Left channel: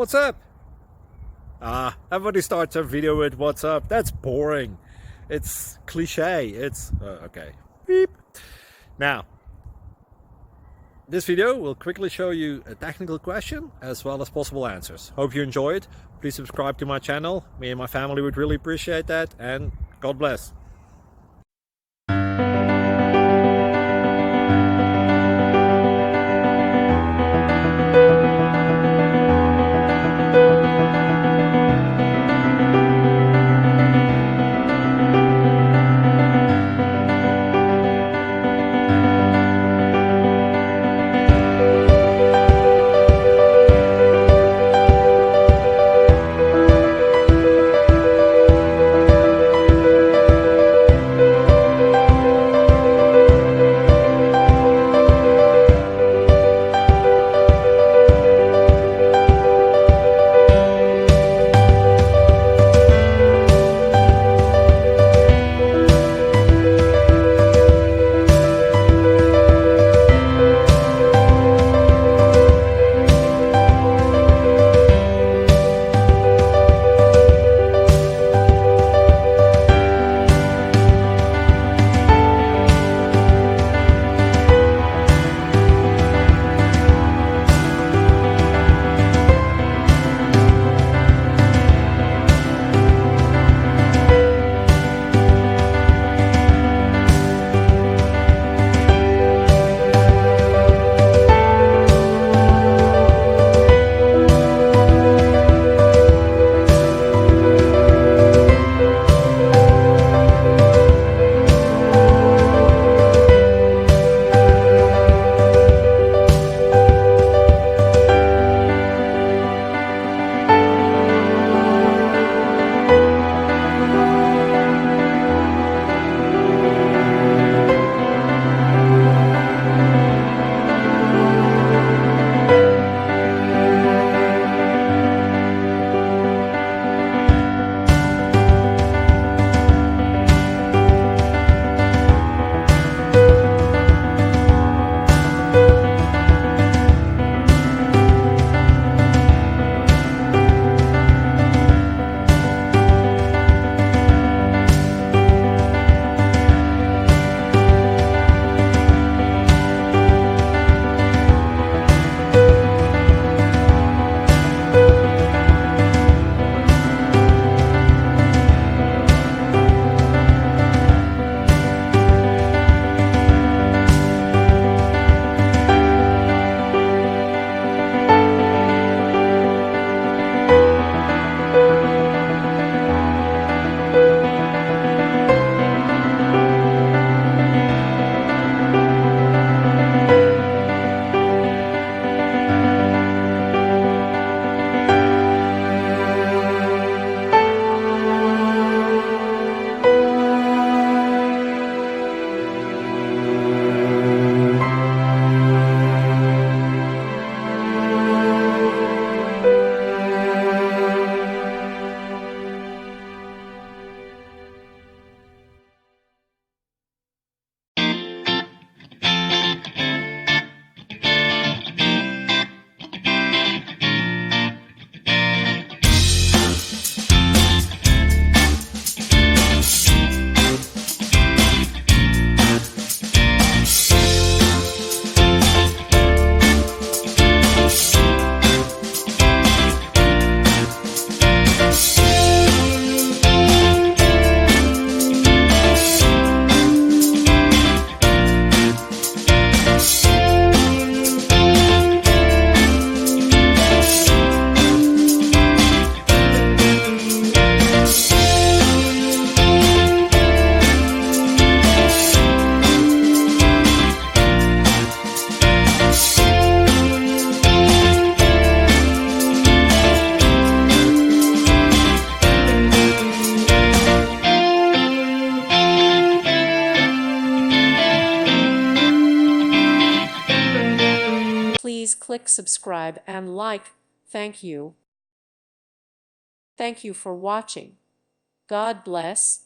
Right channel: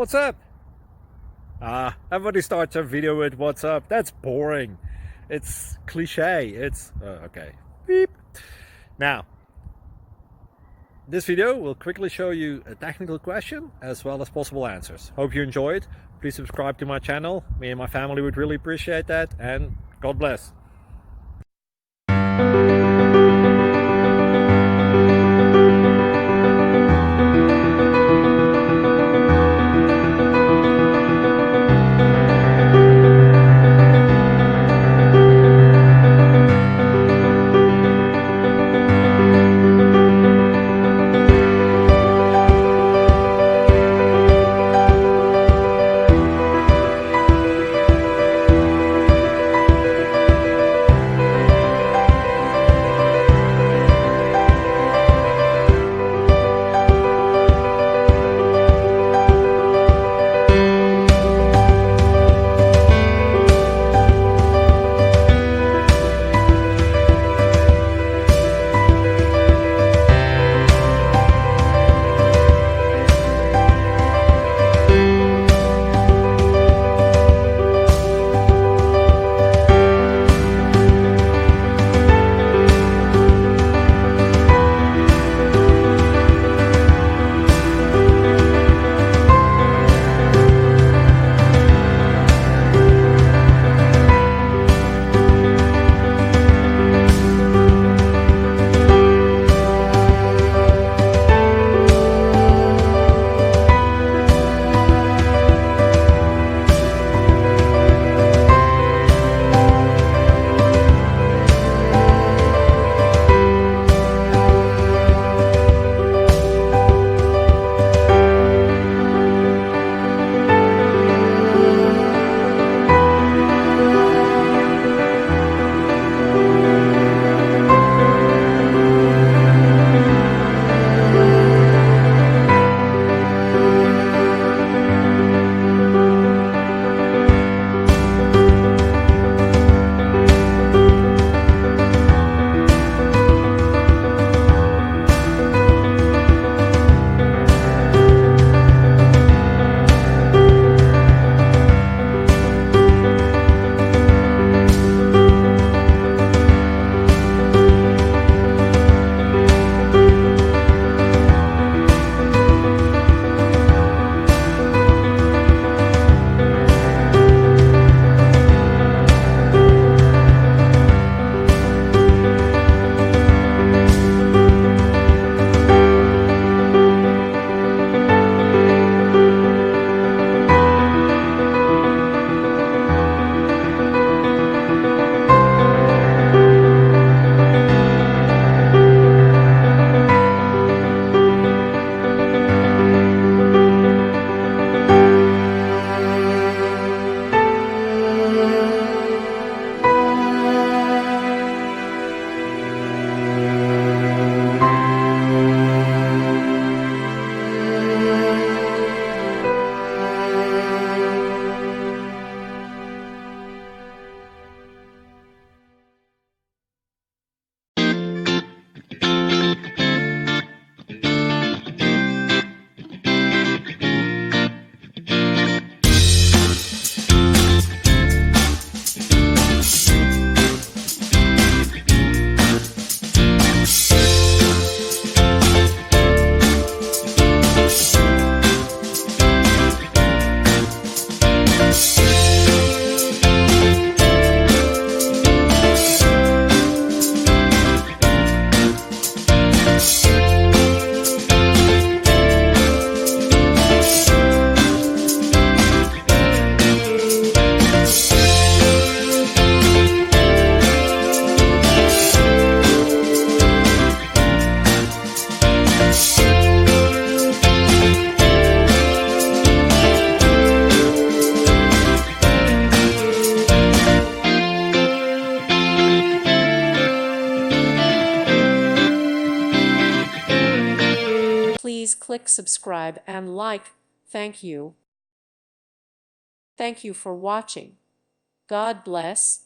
What's up? Everybody starts a video with what's up. That's boring. It's cliche. It's okay. Beep. Now, this video will quickly show you a technical question as well as possible answers. Hope you enjoy it. Please subscribe to my channel. Me and my family would really appreciate that, and God bless. Please click subscribe and like. Thank you. Thank you for watching. God bless.